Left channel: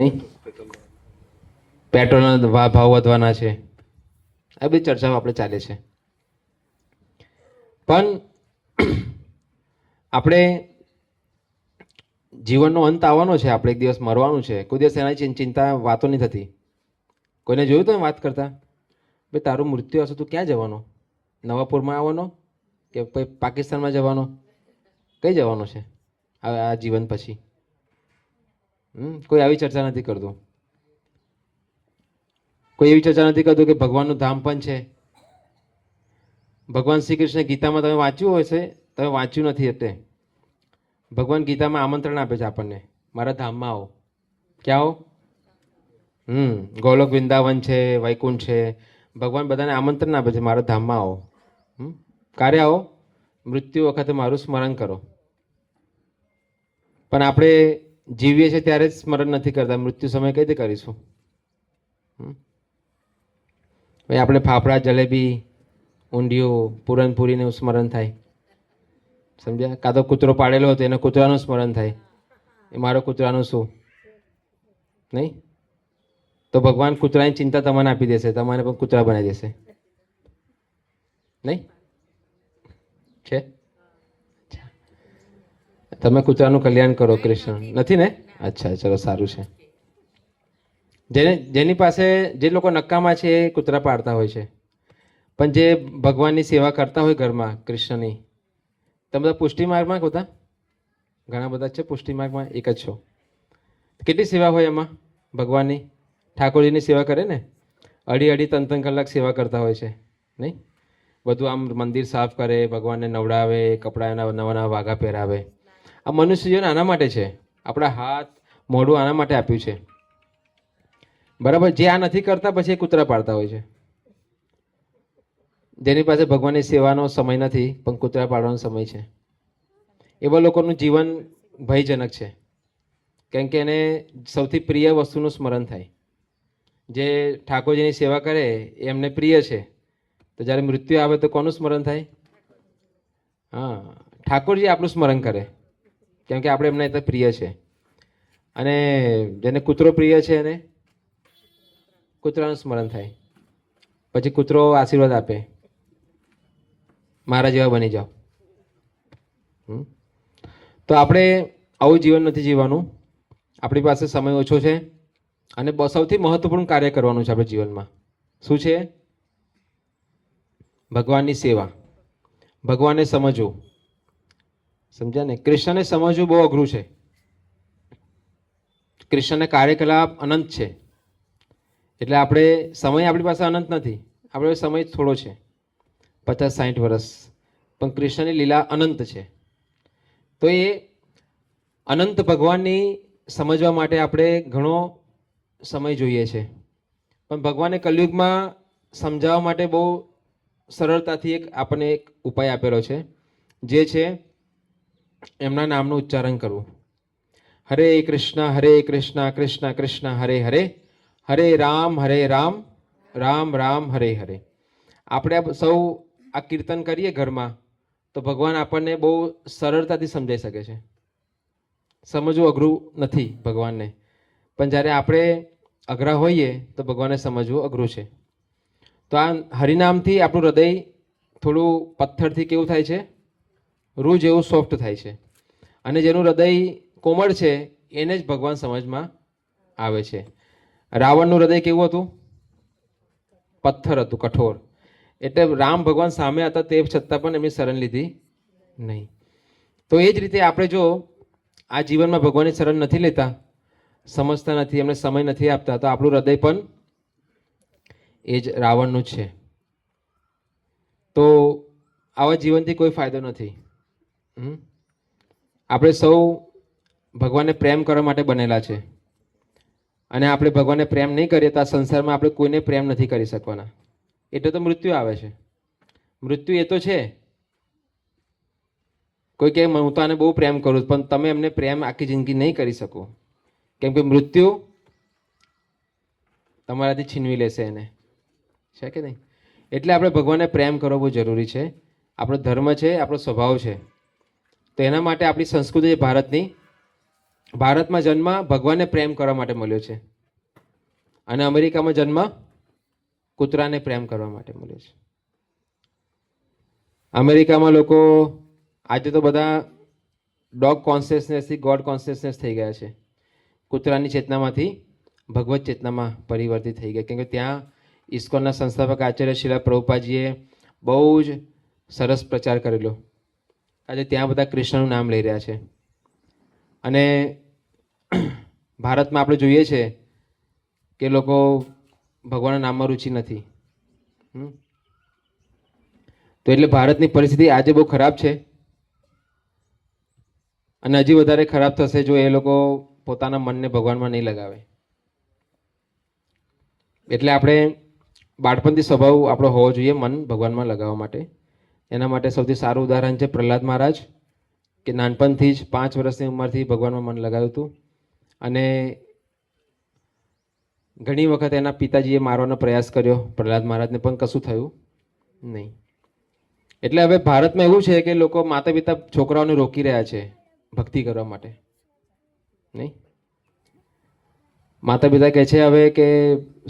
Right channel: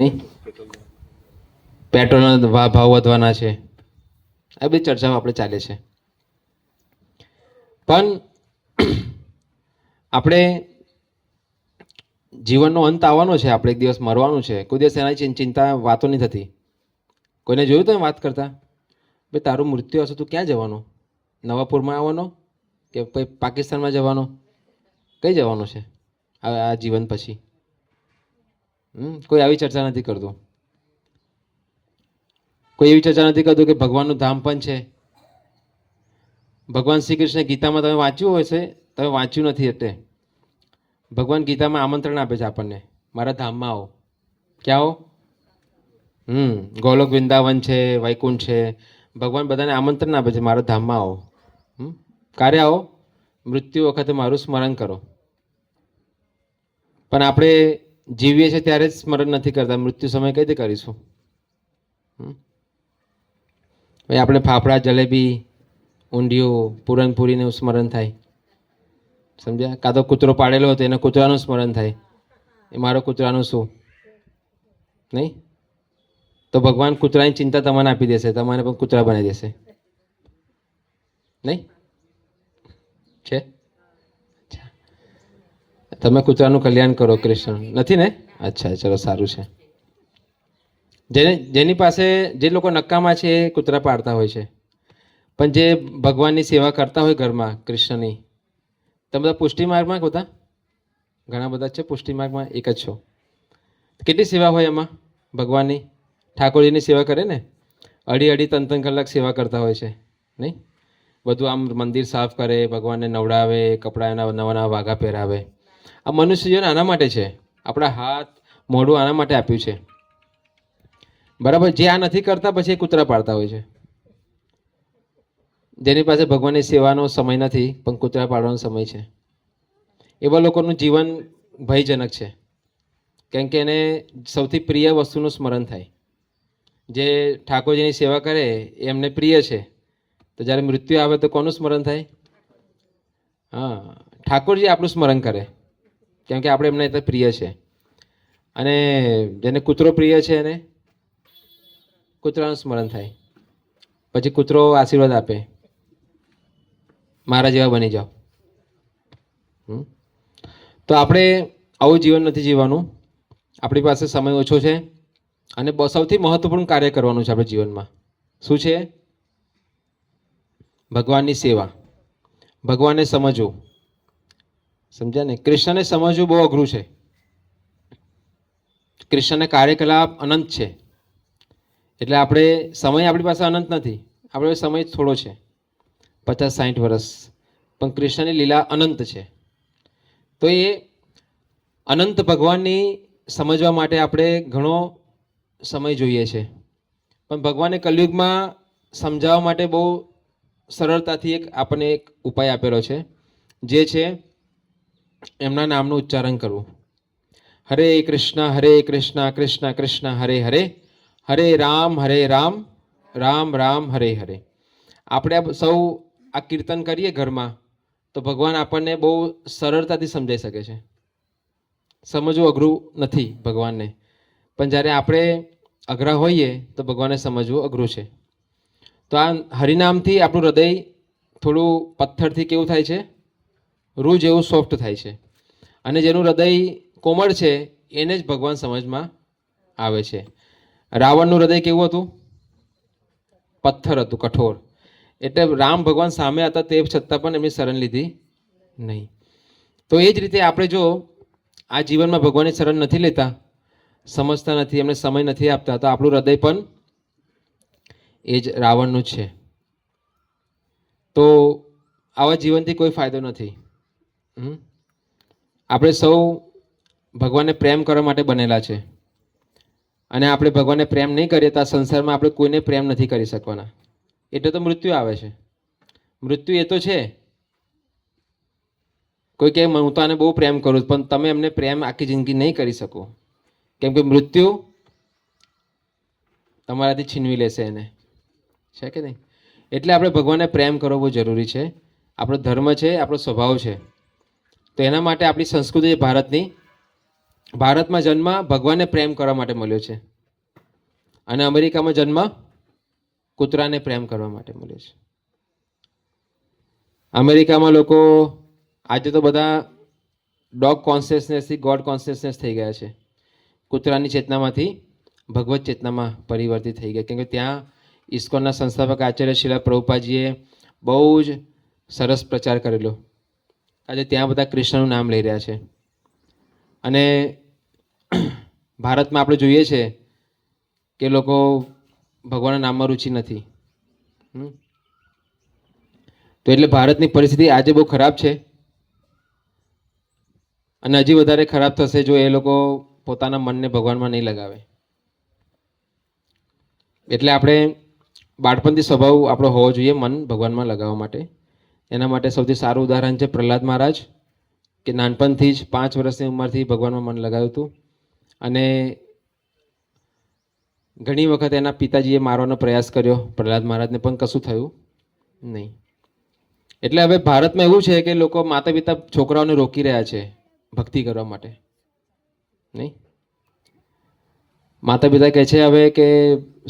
નહીં, પેટ્રોલના ભાવ વધવાના છે, આ બધી ચર્ચાઓ આપણે ચાલે છે. પણ આપણે જીવનનો અંત આવવાનો છે, આપણે એક દિવસ મરવાનું છે, કોઈ દિવસ એના ચિંતા વાતો નહીં થતી. કોઈને જોયું તમે વાત કરતા, ભાઈ તારું મૃત્યુ હશે, તું ક્યાં જવાનો? નવાપુરમાં આવવાનો કે પાકિસ્તાનમાં જવાનો? કઈ જવાનો છે આ જીવન પછી? કોઈ આવી ચર્ચા નથી કરતું. કોઈ એવી ચર્ચા નથી કરતું કે ભગવાનનું ધામ પણ છે. ભગવાન શ્રી કૃષ્ણ ગીતામાં તમે વાંચ્યું હશે, તમે વાંચ્યું નથી એટલે ભગવાન ગીતામાં આમંત્રણ આપે છે આપણને, મારા ધામમાં આવો. ક્યાં આવો? ગોલોક વૃંદાવન છે, વૈકુંઠ છે, ભગવાન બધાને આમંત્રણ આપે છે, મારા ધામમાં આવો. ક્યારે આવો? મૃત્યુ વખતે મારું સ્મરણ કરો. પણ આપણે જીવીએ છીએ ત્યારે જ સ્મરણ નથી કરતા, મૃત્યુ સમય કઈ રીતે કરીશું? ભાઈ આપણે ફાફડા, જલેબી, ઊંધિયું, પૂરણપૂરીનું સ્મરણ થાય, સમજ્યા? કાં તો કૂતરો પાડેલો હતો એને કૂતરાનું સ્મરણ થાય, એ મારો કૂતરાનું શું નહીં? તો ભગવાન કૂતરાની ચિંતા તમને આપી દેશે, તમારે પણ કૂતરા બનાવી દેશે, નહીં છે? તમે કૂતરાનું કલ્યાણ કરો, કૃષ્ણ નથી ને? અચ્છા, ચલો સારું છે. જેની પાસે જે લોકો નકામા છે એ કૂતરા પાડતા હોય છે, પણ જે ભગવાનની સેવા કરતા હોય ઘરમાં કૃષ્ણની, તમે બધા પુષ્ટિ માર્ગમાં હોતા? ઘણા બધા છે પુષ્ટિ માર્ગમાં, એક જ છો. કેટલી સેવા હોય એમાં ભગવાનની? ઠાકોરજીની સેવા કરે ને, અઢી 3 કલાક સેવા કરતા હોય છે, નહીં? બધું આમ મંદિર સાફ કરે, ભગવાનને નવડાવે, કપડાના નવા નવા વાઘા પહેરાવે. આ મનુષ્ય જીવન આના માટે છે, આપણા હાથ મોઢું આના માટે આપ્યું છે, બરાબર? જે આ નથી કરતા પછી એ કૂતરા પાડતા હોય છે. જેની પાસે ભગવાનની સેવાનો સમય નથી પણ કૂતરા પાડવાનો સમય છે, એવા લોકોનું જીવન ભયજનક છે. કેમ કે એને સૌથી પ્રિય વસ્તુનું સ્મરણ થાય. જે ઠાકોરજીની સેવા કરે એ એમને પ્રિય છે, તો જ્યારે મૃત્યુ આવે તો કોનું સ્મરણ થાય? હા, ઠાકોરજી આપણું સ્મરણ કરે, કેમ કે આપણે એમને પ્રિય છે. અને જેને કૂતરો પ્રિય છે એને કૂતરાનું સ્મરણ થાય. પછી કૂતરો આશીર્વાદ આપે, મારા જેવા બની જાઓ. તો આપણે આવું જીવન નથી જીવવાનું. આપણી પાસે સમય ઓછો છે અને સૌથી મહત્વપૂર્ણ કાર્ય કરવાનું છે આપણે જીવનમાં. શું છે? ભગવાનની સેવા, ભગવાનને સમજવું. સમજ્યા ને? કૃષ્ણને સમજવું બહુ અઘરું છે. કૃષ્ણના કાર્યકલાપ અનંત છે, એટલે આપણે સમય આપણી પાસે અનંત નથી, આપણે સમય થોડો છે, 50-60 વર્ષ, પણ કૃષ્ણની લીલા અનંત છે. તો એ અનંત ભગવાનની સમજવા માટે આપણે ઘણો સમય જોઈએ છે. પણ ભગવાને કલયુગમાં સમજાવવા માટે બહુ સરળતાથી આપણને એક ઉપાય આપેલો છે, જે છે એમના નામનું ઉચ્ચારણ કરવું. હરે કૃષ્ણ કૃષ્ણ કૃષ્ણ હરે હરે, હરે રામ રામ રામ હરે હરે. આપણે સૌ આ કીર્તન કરીએ ઘરમાં તો ભગવાન આપણને બહુ સરળતાથી સમજાઈ શકે છે. સમજવું અઘરું નથી ભગવાનને, પણ જ્યારે આપણે અઘરા હોઈએ તો ભગવાનને સમજવું અઘરું છે. તો આ હરિનામથી આપણું હૃદય થોડું પથ્થરથી કેવું થાય છે? રૂ જેવું સોફ્ટ થાય છે. અને જેનું હૃદય કોમળ છે એને જ ભગવાન સમજમાં આવે છે. રાવણનું હૃદય કેવું હતું? પથ્થર હતું, કઠોર. એટલે રામ ભગવાન સામે હતા તે છતાં પણ એમની શરણ લીધી નહીં. તો એ જ રીતે આપણે જો આ જીવનમાં ભગવાનની શરણ નથી લેતા, સમજતા નથી, એમને સમય નથી આપતા, તો આપણું હૃદય પણ એ જ રાવણનું છે. તો આવા જીવનથી કોઈ ફાયદો નથી. આપણે સૌ ભગવાનને પ્રેમ કરવા માટે બનેલા છે, અને આપણે ભગવાનને પ્રેમ નહીં કરીએ તો આ સંસારમાં આપણે કોઈને પ્રેમ નથી કરી શકવાના. એટલે તો મૃત્યુ આવે છે. મૃત્યુ એ તો છે. કોઈ કહે હું તો આને બહુ પ્રેમ કરું, પણ તમે એમને પ્રેમ આખી જિંદગી નહીં કરી શકો, કેમ કે મૃત્યુ તમારાથી છીનવી લેશે એને, છે કે નહીં? એટલે આપણે ભગવાનને પ્રેમ કરવો બહુ જરૂરી છે. આપણો ધર્મ છે, આપણો સ્વભાવ છે. તો એના માટે આપણી સંસ્કૃતિ ભારતની ભારતમાં જન્મ ભગવાનને પ્રેમ કરવા માટે મળ્યો છે અને અમેરિકામાં જન્મ કૂતરાને પ્રેમ કરવા માટે મળ્યો છે. અમેરિકામાં લોકો આજે તો બધા ડોગ કોન્શિયસનેસથી ગોડ કોન્શિયસનેસ થઈ ગયા છે. કૂતરાની ચેતનામાંથી ભગવત ચેતનામાં પરિવર્તિત થઈ ગયા, કેમ કે ત્યાં ઇસ્કોનના સંસ્થાપક આચાર્ય શિલા પ્રભુપાદજીએ બહુ જ સરસ પ્રચાર કરેલો. આજે ત્યાં બધા કૃષ્ણનું નામ લઈ રહ્યા છે. અને ભારતમાં આપણે જોઈએ છે કે લોકો ભગવાનના નામમાં રુચિ નથી. તો એટલે ભારતની પરિસ્થિતિ આજે બહુ ખરાબ છે અને હજી વધારે ખરાબ થશે જો એ લોકો પોતાના મનને ભગવાનમાં નહીં લગાવે. એટલે આપણે બાળપણથી સ્વભાવ આપણો હોવો જોઈએ મન ભગવાનમાં લગાવવા માટે. એના માટે સૌથી સારું ઉદાહરણ છે પ્રહલાદ મહારાજ, કે નાનપણથી જ 5 વર્ષની ઉંમરથી ભગવાનમાં મન લગાવ્યું હતું અને ઘણી વખત એના પિતાજીએ મારવાનો પ્રયાસ કર્યો પ્રહલાદ મહારાજને, પણ કશું થયું નહીં. એટલે હવે ભારતમાં એવું છે કે લોકો માતા પિતા છોકરાઓને રોકી રહ્યા છે ભક્તિ કરવા માટે. નહીં, માતા પિતા કહે છે હવે કે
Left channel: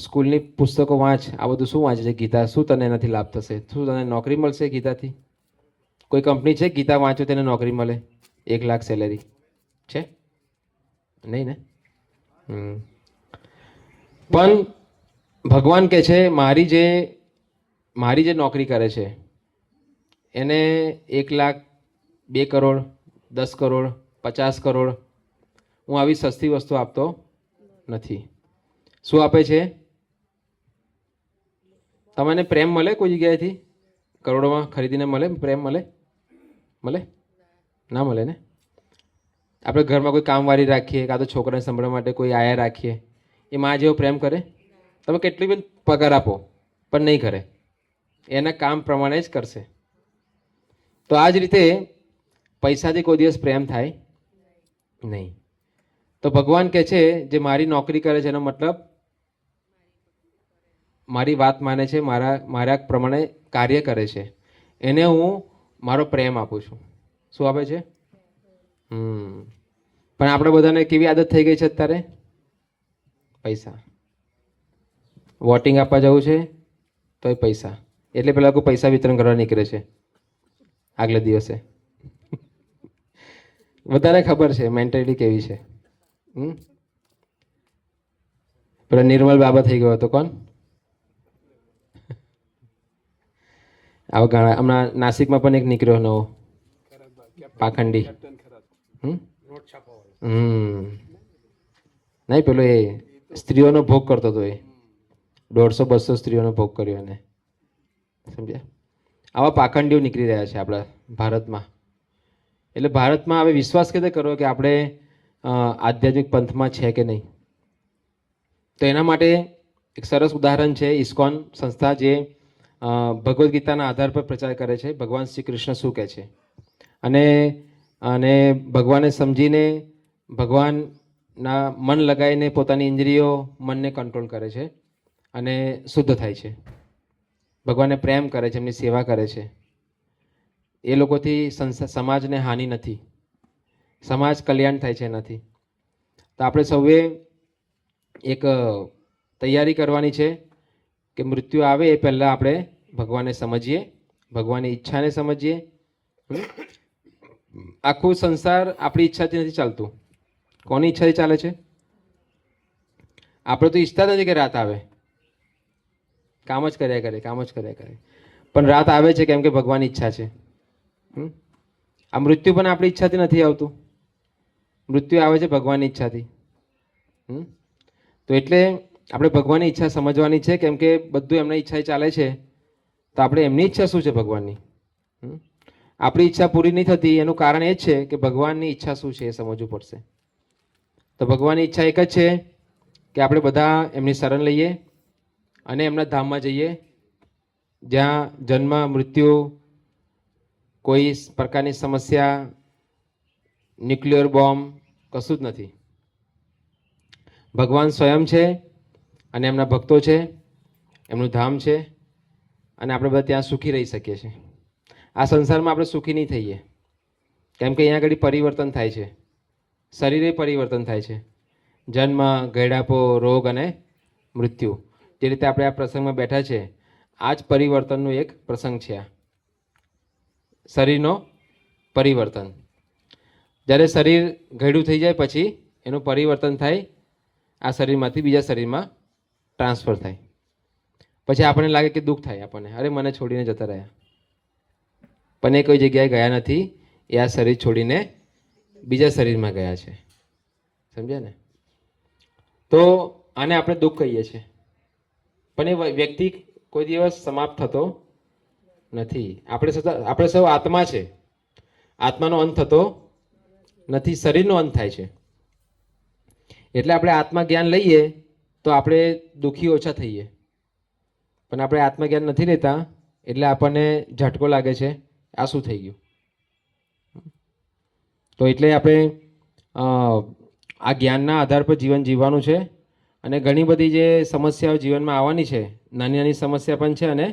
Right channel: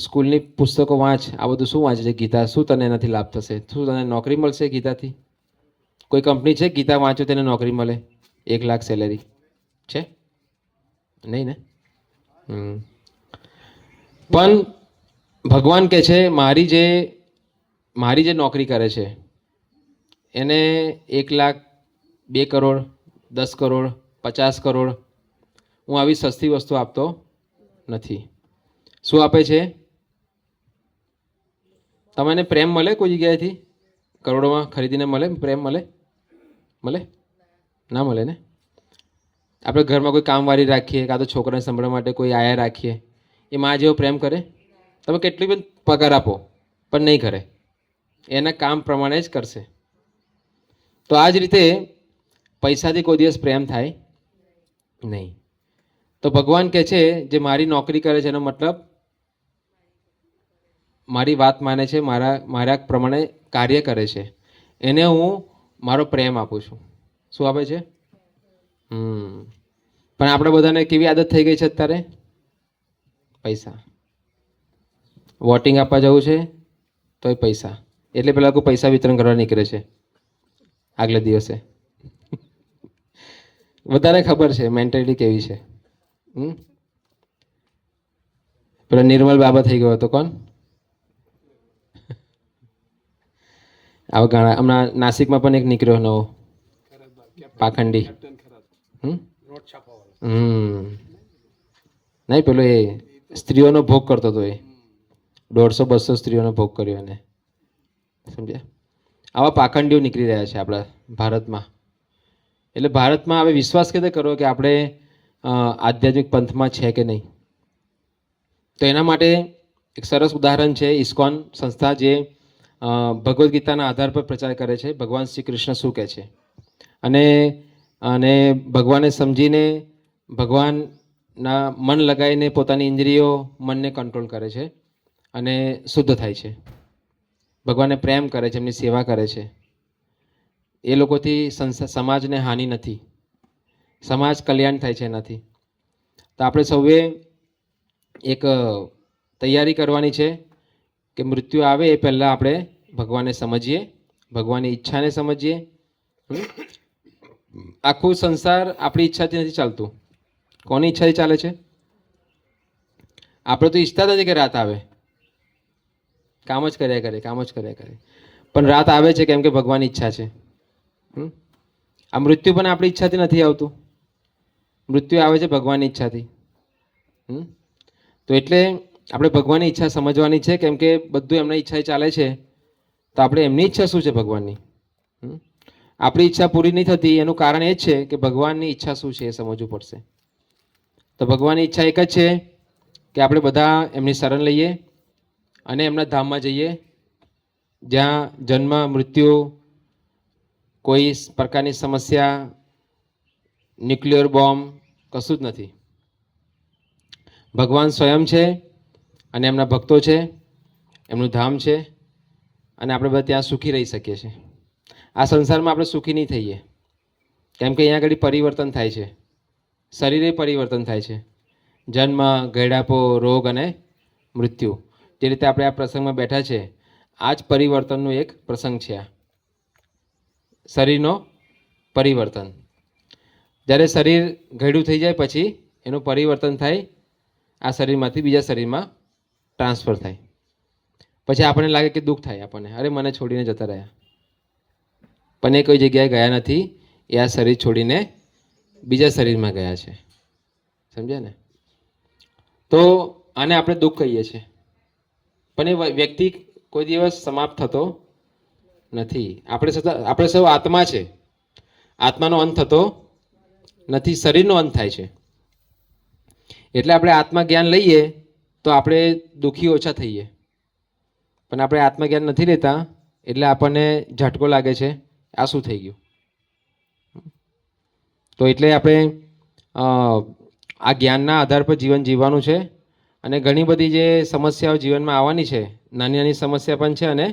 સ્કૂલની પુસ્તકો વાંચ, આ બધું શું વાંચે છે ગીતા, શું તને એનાથી લાભ થશે, શું તને નોકરી મળશે ગીતાથી? કોઈ કંપની છે ગીતા વાંચો તેને નોકરી મળે 1 લાખ સેલેરી છે? નહીં ને. પણ ભગવાન કહે છે મારી જે નોકરી કરે છે એને 1 લાખ, 2 કરોડ, 10 કરોડ, 50 કરોડ હું આવી સસ્તી વસ્તુ આપતો નથી. શું આપે છે? તમને પ્રેમ મળે કોઈ જગ્યાએથી? કરોડોમાં ખરીદીને મળે પ્રેમ? મળે ના મળે ને. આપણે ઘરમાં કોઈ કામવાળી રાખીએ, કાં તો છોકરાને સંભાળવા માટે કોઈ આયા રાખીએ, એ માં જેવો પ્રેમ કરે? તમે કેટલી બધી પગાર આપો પણ નહીં કરે, એના કામ પ્રમાણે જ કરશે. તો આ જ રીતે પૈસાથી કોઈ દિવસ પ્રેમ થાય નહીં. તો ભગવાન કહે છે જે મારી નોકરી કરે છે એનો મતલબ મારી વાત માને છે, મારા પ્રમાણે કાર્ય કરે છે, એને હું મારો પ્રેમ આપું છું. શું આપે છે? પણ આપણે બધાને કેવી આદત થઈ ગઈ છે અત્યારે? પૈસા. વોટિંગ આપવા જવું છે તોય પૈસા, એટલે પેલા લોકો પૈસા વિતરણ કરવા નીકળે છે આગલા દિવસે. વધારે ખબર છે મેન્ટાલિટી કેવી છે. પેલા નિર્મલ બાબા થઈ ગયો હતો, કોણ? આવા ઘણા હમણાં નાસિકમાં પણ એક નીકળ્યો નવો પાખંડી. નહીં, પેલો એ સ્ત્રીઓનો ભોગ કરતો હતો, એ 150-200 સ્ત્રીઓનો ભોગ કર્યો એને, સમજ્યા? આવા પાખંડીઓ નીકળી રહ્યા છે આપણા ભારતમાં. એટલે ભારતમાં હવે વિશ્વાસ કેવી રીતે કરવો કે આપણે આધ્યાત્મિક પંથમાં છે કે નહીં? તો એના માટે એક સરસ ઉદાહરણ છે ઇસ્કોન સંસ્થા, જે ભગવદ્ ગીતાના આધાર પર પ્રચાર કરે છે ભગવાન શ્રી કૃષ્ણ શું કહે છે, અને ભગવાનને સમજીને ભગવાનના મન લગાવીને પોતાની ઇન્દ્રિયો મનને કંટ્રોલ કરે છે અને શુદ્ધ થાય છે. ભગવાનને પ્રેમ કરે છે, એમની સેવા કરે છે. એ લોકોથી સમાજને હાનિ નથી, સમાજ કલ્યાણ થાય છે એનાથી. તો આપણે સૌએ એક તૈયારી કરવાની છે કે મૃત્યુ આવે એ પહેલાં આપણે ભગવાનને સમજીએ, ભગવાનની ઈચ્છાને સમજીએ. આખું સંસાર આપણી ઈચ્છાથી નથી ચાલતું. કોની ઈચ્છાથી ચાલે છે? આપણે તો ઈચ્છતા નથી કે રાત આવે, કામ જ કર્યા કરે. પણ રાત આવે છે કેમ કે ભગવાનની ઈચ્છા છે. આ મૃત્યુ પણ આપણી ઈચ્છાથી નથી આવતું, મૃત્યુ આવે છે ભગવાનની ઈચ્છાથી. તો એટલે આપણે ભગવાનની ઈચ્છા સમજવાની છે, કેમ કે બધું એમની ઈચ્છાએ ચાલે છે. તો આપણે એમની ઈચ્છા શું છે ભગવાનની? આપણી ઈચ્છા પૂરી નહીં થતી એનું કારણ એ જ છે કે ભગવાનની ઈચ્છા શું છે એ સમજવું પડશે. તો ભગવાનની ઈચ્છા એક જ છે કે આપણે બધા એમની શરણ લઈએ અને એમના ધામમાં જઈએ, જ્યાં જન્મ મૃત્યુ, કોઈ પ્રકારની સમસ્યા, ન્યુક્લિયર બોમ્બ કશું જ નથી. ભગવાન સ્વયં છે અને એમના ભક્તો છે, એમનું ધામ છે અને આપણે બધા ત્યાં સુખી રહી શકીએ છીએ. આ સંસારમાં આપણે સુખી નહીં થઈએ કેમ કે અહીંયા આગળ પરિવર્તન થાય છે. શરીરે પરિવર્તન થાય છે. જન્મ, ગૈડાપો, રોગ અને મૃત્યુ. જે રીતે આપણે આ પ્રસંગમાં બેઠા છે, આ જ પરિવર્તનનો એક પ્રસંગ છે. આ શરીરનો પરિવર્તન. જ્યારે શરીર ઘરડું થઈ જાય પછી એનું પરિવર્તન થાય, આ શરીરમાંથી બીજા શરીરમાં ટ્રાન્સફર થાય. પછી આપણને લાગે કે દુઃખ થાય આપણને, અરે મને છોડીને જતા રહ્યા. પણ એ કોઈ જગ્યાએ ગયા નથી, એ આ શરીર છોડીને બીજા શરીરમાં ગયા છે. સમજ્યા ને? તો આને આપણે દુઃખ કહીએ છીએ. પણ એ વ્યક્તિ કોઈ દિવસ સમાપ્ત થતો નથી. આપણે સૌ આત્મા છે. આત્માનો અંત થતો નથી, શરીરનો અંત થાય છે. એટલે આપણે આત્મા જ્ઞાન લઈએ તો આપણે દુઃખી ઓછા થઈએ. પણ આપણે આત્મજ્ઞાન નથી લેતા એટલે આપણને ઝટકો લાગે છે, આ શું થઈ ગયું. તો એટલે આપણે આ જ્ઞાનના આધાર પર જીવન જીવવાનું છે. અને ઘણી બધી જે સમસ્યાઓ જીવનમાં આવવાની છે, નાની નાની સમસ્યા પણ છે અને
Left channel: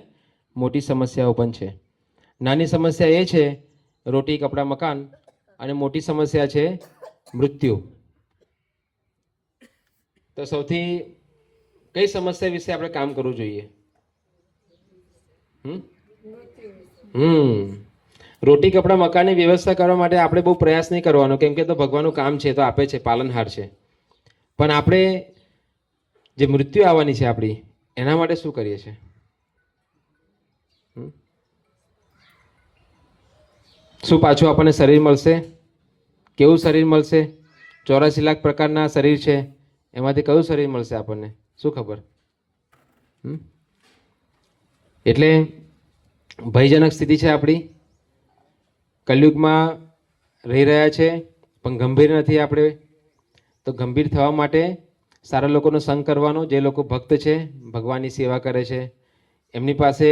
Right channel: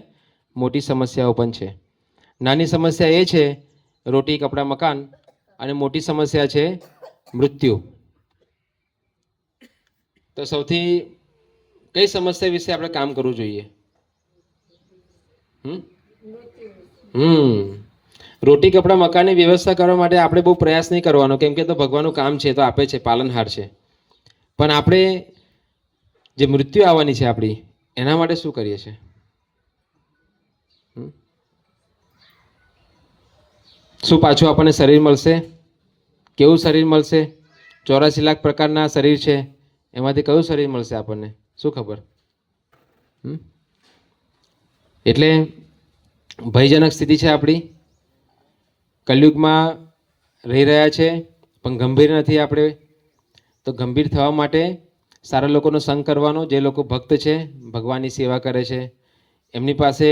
મોટી સમસ્યાઓ પણ છે. નાની સમસ્યા એ છે રોટી, કપડાં, મકાન, અને મોટી સમસ્યા છે મૃત્યુ. તો સૌથી કઈ સમસ્યા વિશે આપણે કામ કરવું જોઈએ? રોટી, કપડાં, મકાનની વ્યવસ્થા કરવા માટે આપણે બહુ પ્રયાસ નહીં કરવાનો, કેમ કે તો ભગવાનનું કામ છે, તો આપે છે, પાલનહાર છે. પણ આપણે જે મૃત્યુ આવવાની છે આપણી, એના માટે શું કરીએ છીએ? શું પાછું આપણને શરીર મળશે? કેવું શરીર મળશે? 84 લાખ પ્રકારના શરીર છે, એમાંથી કયું શરીર મળશે આપણને? શું ખબર? એટલે ભયજનક સ્થિતિ છે આપણી. કલયુગમાં રહી રહ્યા છે પણ ગંભીર નથી આપણે. તો ગંભીર થવા માટે સારા લોકોનો સંગ કરવાનો. જે લોકો ભક્ત છે, ભગવાનની સેવા કરે છે, એમની પાસે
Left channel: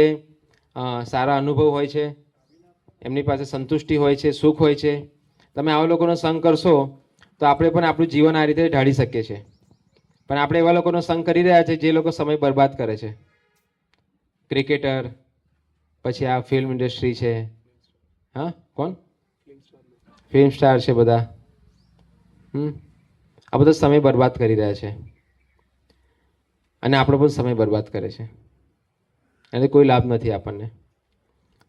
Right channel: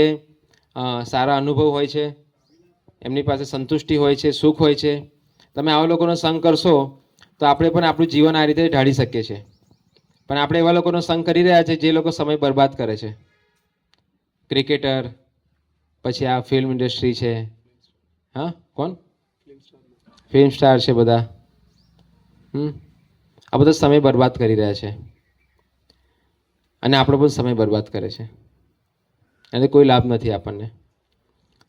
સારા અનુભવ હોય છે, એમની પાસે સંતુષ્ટિ હોય છે, સુખ હોય છે. તમે આવા લોકોનો સંગ કરશો તો આપણે પણ આપણું જીવન આ રીતે ઢાળી શકીએ છીએ. પણ આપણે એવા લોકોનો સંગ કરી રહ્યા છે જે લોકો સમય બરબાદ કરે છે. ક્રિકેટર, પછી આ ફિલ્મ ઇન્ડસ્ટ્રી છે, હા કોણ ફિલ્મ સ્ટાર છે બધા, આ બધો સમય બરબાદ કરી રહ્યા છે અને આપણો પણ સમય બરબાદ કરે છે. એને કોઈ લાભ નથી આપણને.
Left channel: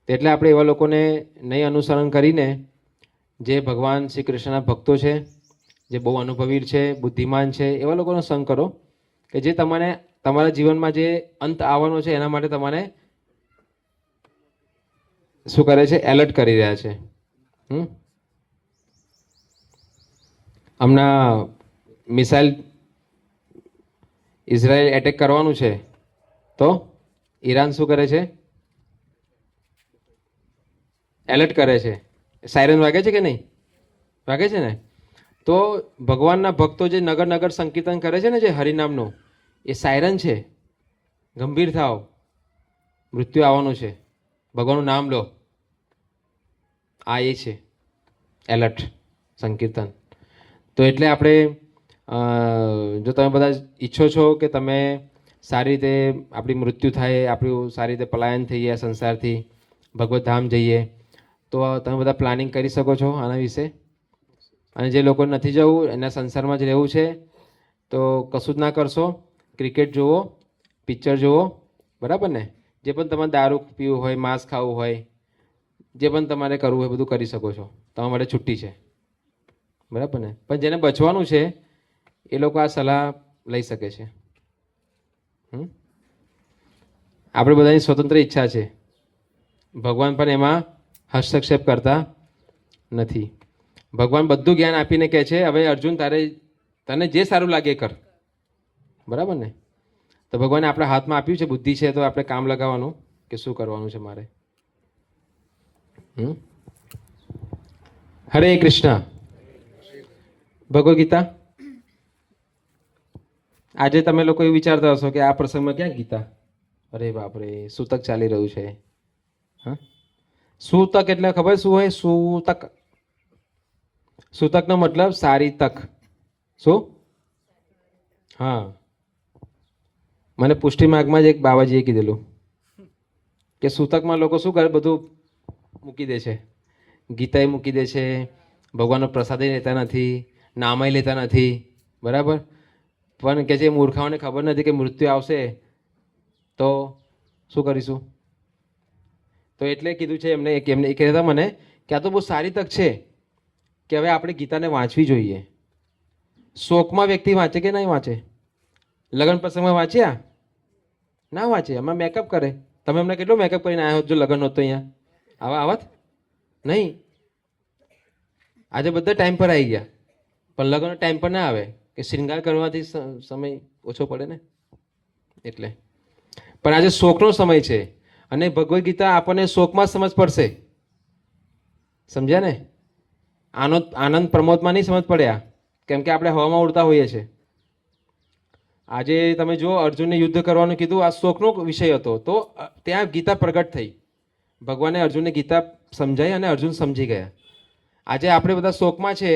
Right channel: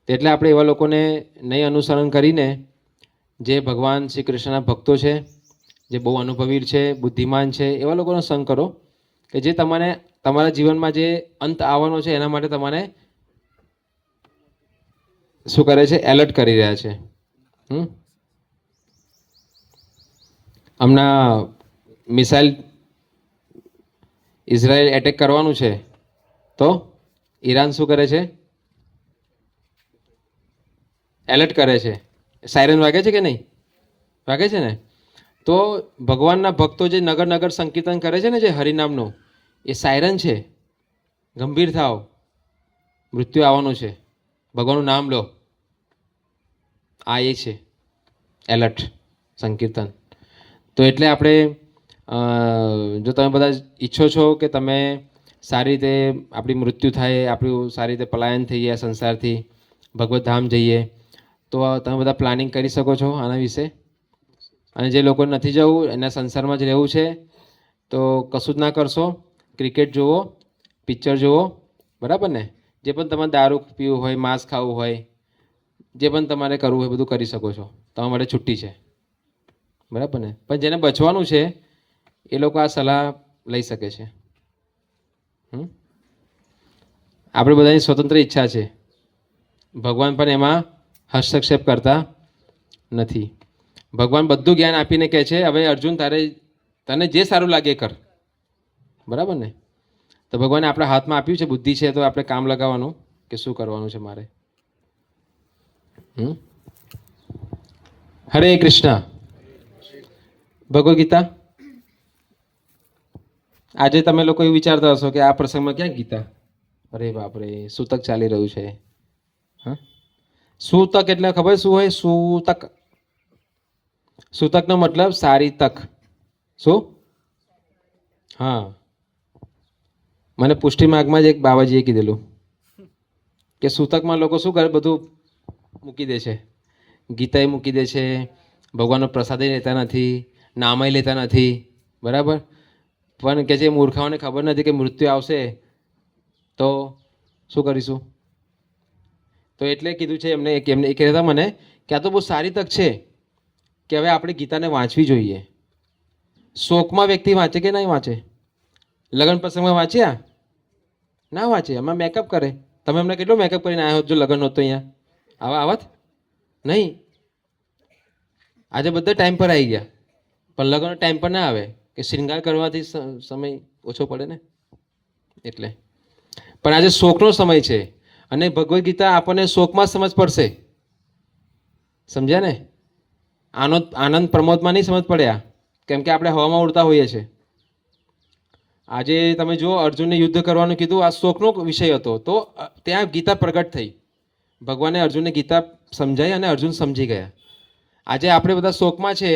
એટલે આપણે એવા લોકોને નહીં અનુસરણ કરીને જે ભગવાન શ્રી કૃષ્ણના ભક્તો છે, જે બહુ અનુભવી છે, બુદ્ધિમાન છે, એવા લોકોનો સંગ કરો કે જે તમને તમારા જીવનમાં જે અંત આવવાનો છે એના માટે તમારે શું કરે છે? એલર્ટ કરી રહ્યા છે. હમણાં મિસાઇલ ઇઝરાયલ એટેક કરવાનું છે, તો ઈરાન શું કરે છે? એલર્ટ કરે છે. સાયરન વાગે છે કે નહીં વાગે છે ને? તો ભગવાનના ભક્તો જે નગર નગર સંકીર્તન કરે છે ને, જે હરિનામનો, એ સાયરન છે. ગંભીર થાવ, મૃત્યુ આવવાનું છે, ભગવાનનું નામ લો. આ એ છે એલર્ટ સંકીર્તન. તો એટલે આપણે જો તમે બધા ઈચ્છો છો કે તમે સારી રીતે આપણી મૃત્યુ થાય, આપણું સારી રીતે પલાયન થઈ જાય સંસારથી, ભગવત ધામ જઈએ, તો તમે બધા પ્લાનિંગ કરી શકો છો આના વિશે. અને જે લોકો નથી જવું, એના સંસારમાં જ રહેવું છે, તો કશું જ ના કરશો. ક્રિકેટ જુઓ, પિક્ચર જુઓ, બરાબર ને? જે પણ તમારે દારૂ પીવું હોય, માંસ ખાવું હોય, જે પણ તમારે કરવું હોય બધું કરી શકો છો. તમારા માટે છુટ્ટી છે, બરાબર ને? પણ જેને બચવાનું છે એ લોકો આ સલાહ લઈ શકે છે. આપણે બધાની સ્વતંત્ર ઈચ્છા છે, ભગવાન પણ એમાં હસ્તક્ષેપ કરતા નથી. ભગવાન બધું જ્ઞાન આપીને કહે છે, હવે અર્જુન તને જે સારું લાગે કર, બરાબર ને? તો ભગવાને આપણા હાથમાં આપ્યું છે, બુદ્ધિ છે, તો આપણે કામ લગાવવાનું કે શું કરવાનું છે મારે. હરે કૃષ્ણ. ભગવદ્ ગીતા. આજે તમે લોકો એવું વિચારતા હશો કે આ પ્રસંગમાં ક્યાં ગીતા? અરે બાપરે, સૂતક ચાલી રહ્યું છે. સૂતક એટલે ખબર શું હોય? સૂતક, સૂતકનો મતલબ સારી તક. શું? હા, મને પુષ્ટિ માર્ગમાં જ એક બાબાજીએ કીધેલું કે સૂતકમાં લોકો શું કરે, બધું મૂકી દે છે, ગીતાએ મૂકી દે છે, ભગવાનનો પ્રસાદે લેતા નથી, નામય લેતા નથી, બરાબર. પણ કે જે મૂર્ખાઓને ખબર નથી કે મૃત્યુ આવશે તો શું કરીશું. તો એટલે કીધું છે એમને એમને એ કહેતા મને કે આ તો બહુ સારી તક છે કે હવે આપણે ગીતાને વાંચવી જોઈએ. શોકમાં વ્યક્તિ વાંચે કે નહીં વાંચે? લગ્ન પ્રસંગમાં વાંચ્યા? ના વાંચે, એમાં મેકઅપ કરે. તમે એમને કેટલો મેકઅપ કરીને આવ્યા હોત જો લગ્ન હોત તો અહીંયા આવત નહીં. આજે બધા ટાઈમ પર આવી ગયા, પણ લગ્નનો ટાઈમ પર ના આવે કે શૃંગાર કરવાથી સમય ઓછો પડે ને એટલે. પણ આજે શોકનો સમય છે અને ભગવદ્ ગીતા આપણને શોકમાં સમજ પડશે. સમજ્યા ને? આનંદ પ્રમોદમાં નહીં સમજ પડ્યા, કેમ કે આપણે હવામાં ઉડતા હોઈએ છીએ. આજે તમે જુઓ, અર્જુનને યુદ્ધ કરવાનું કીધું, આ શોકનો વિષય હતો, તો ત્યાં ગીતા પ્રગટ થઈ. ભગવાને અર્જુનને ગીતા સમજાઈ અને અર્જુન સમજી ગયા. આજે આપણે બધા શોકમાં છે.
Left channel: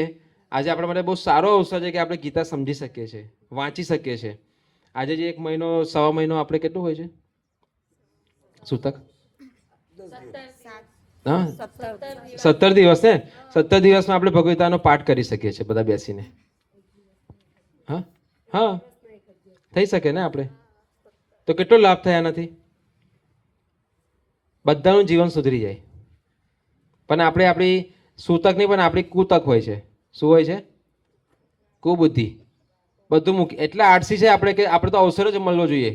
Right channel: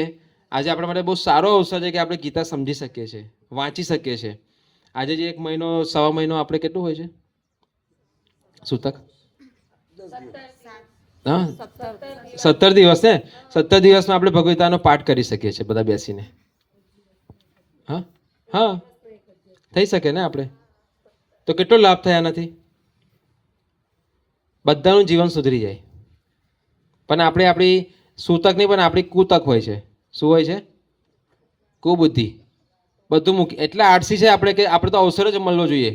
આજે આપણા માટે બહુ સારો અવસર છે કે આપણે ગીતા સમજી શકીએ છીએ, વાંચી શકીએ છીએ. આજે જે 1 મહિનો 1.5 મહિનો આપણે કેટલું હોય છે સૂતક? હા, 17 દિવસ ને. 17 દિવસમાં આપણે ભગવદ ગીતાનો પાઠ કરી શકીએ છીએ બધા બેસીને. હા હા, થઈ શકે ને આપણે તો કેટલો લાભ થાય આનાથી? બધાનું જીવન સુધરી જાય. પણ આપણે આપણી સૂતક નહીં પણ આપણી કુતક હોય છે. શું હોય છે? કુબુદ્ધિ. બધું મૂકી એટલે આળસી છે આપણે કે આપણે તો અવસર જ મળવો જોઈએ.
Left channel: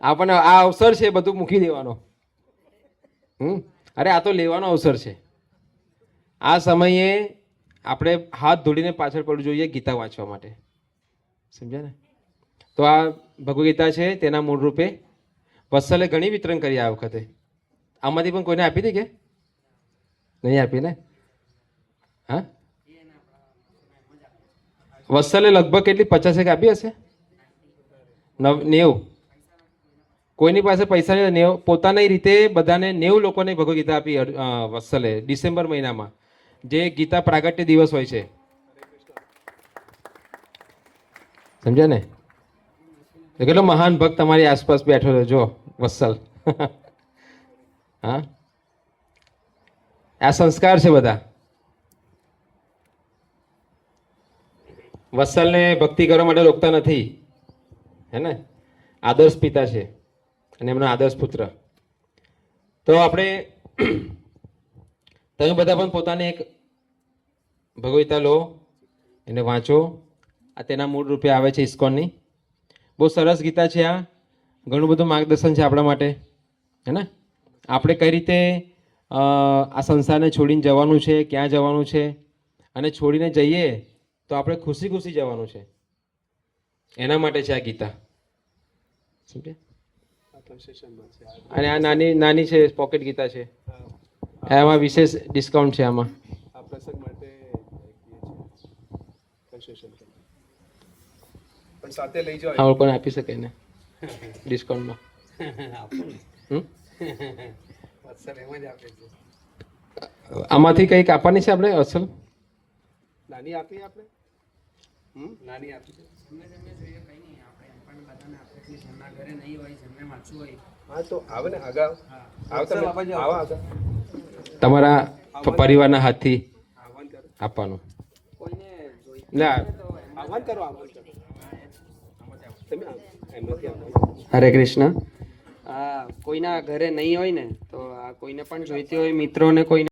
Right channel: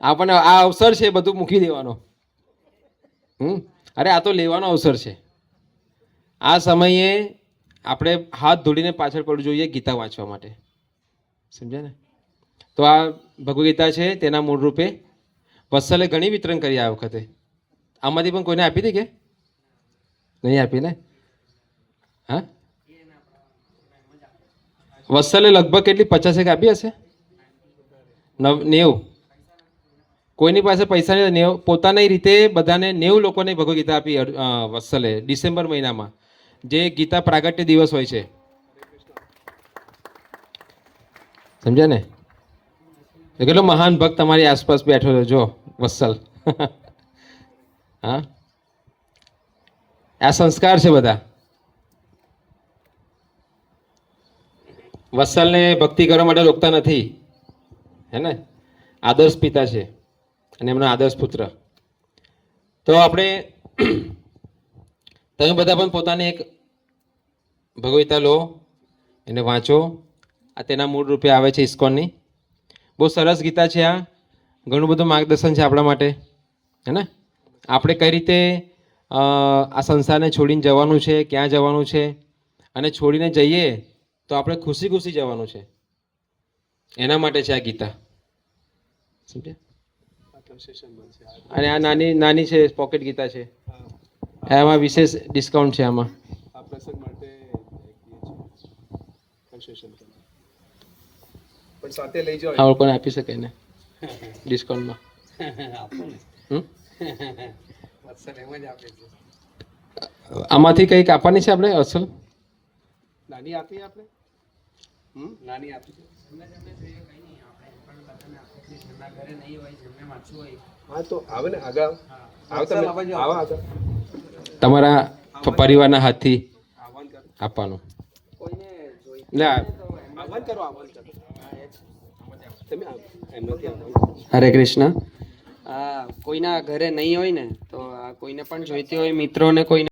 આપણને આ અવસર છે બધું મૂકી દેવાનો. અરે આ તો લેવાનો અવસર છે. આ સમયે આપણે હાથ ધોડીને પાછળ પડવું જોઈએ ગીતા વાંચવા માટે. સમજ્યા ને? તો આ ભગવદ્ ગીતા છે તેના મૂળ રૂપે વત્સલે ઘણી વિતરણ કરી આ વખતે. આમાંથી પણ કોઈને આપી હતી કે નહીં આપી ને? હા, વત્સલે લગભગ કેટલી 50 આપી હશે? 90. કોઈની પાસે પૈસા નહીં, 90 પોતાની રીતે બધાને 90 લોકોને ભગવદ્ ગીતા આપી વત્સલે ડિસેમ્બર મહિનામાં, જે ગીતા પ્રાગટ્ય દિવસ હોય છે. સમજ્યા ને? એ કેટલો મહાન ભક્ત તમારી આસપાસ બેઠો છે જો વત્સલ. હા, આ સંસ્કાર છે બધા. વત્સલને ભક્તિ કરવા માટે રોકતા નથી, હે ને? આદર્શ પિતા છે અને એમનો આદર્શ પુત્ર. તો આપણે તમે બધા પણ પોતાને એક ભગવદ ગીતા લો, એને વાંચો. આ તેના મૂળ રૂપે આવે છે ઇસ્કોનની. બહુ સરસ ગીતા છે આ. ઘણું બધું માર્ગદર્શન છે આપણા માટે, હે ને? આપણે કઈ રીતે આ સંસારને છોડીને જવાનું છે, ક્યાં જવાનું છે, અને છોડીને જઈએ તો આપણે ખુશી ખુશી જવાનું છે. એના માટે છે આ ગીતા. સમજે? અને આ નાની નાની છે પોકેટ ગીતા છે. એમાં વિશેષ ડિસ્કાઉન્ટ છે આમાં. આ પ્રસંગ માટે પણ સાથે લઈ જાઓ. આ લોકોને આપી શકાય ને ડિસ્કાઉન્ટમાં. આમાંથી કંઈક આપવાની છે આપણે અસલ? નાની આપીએ આપણે. નાની આપી હા તો આવે ને આગળ આવો. તમારા પરિવારના હાથથી આપવાનું. હરે કૃષ્ણ. કોઈના ઘરે નહીં હોય ને તો કોઈને પણ જોઈતી હોય મિત્રોને કોઈ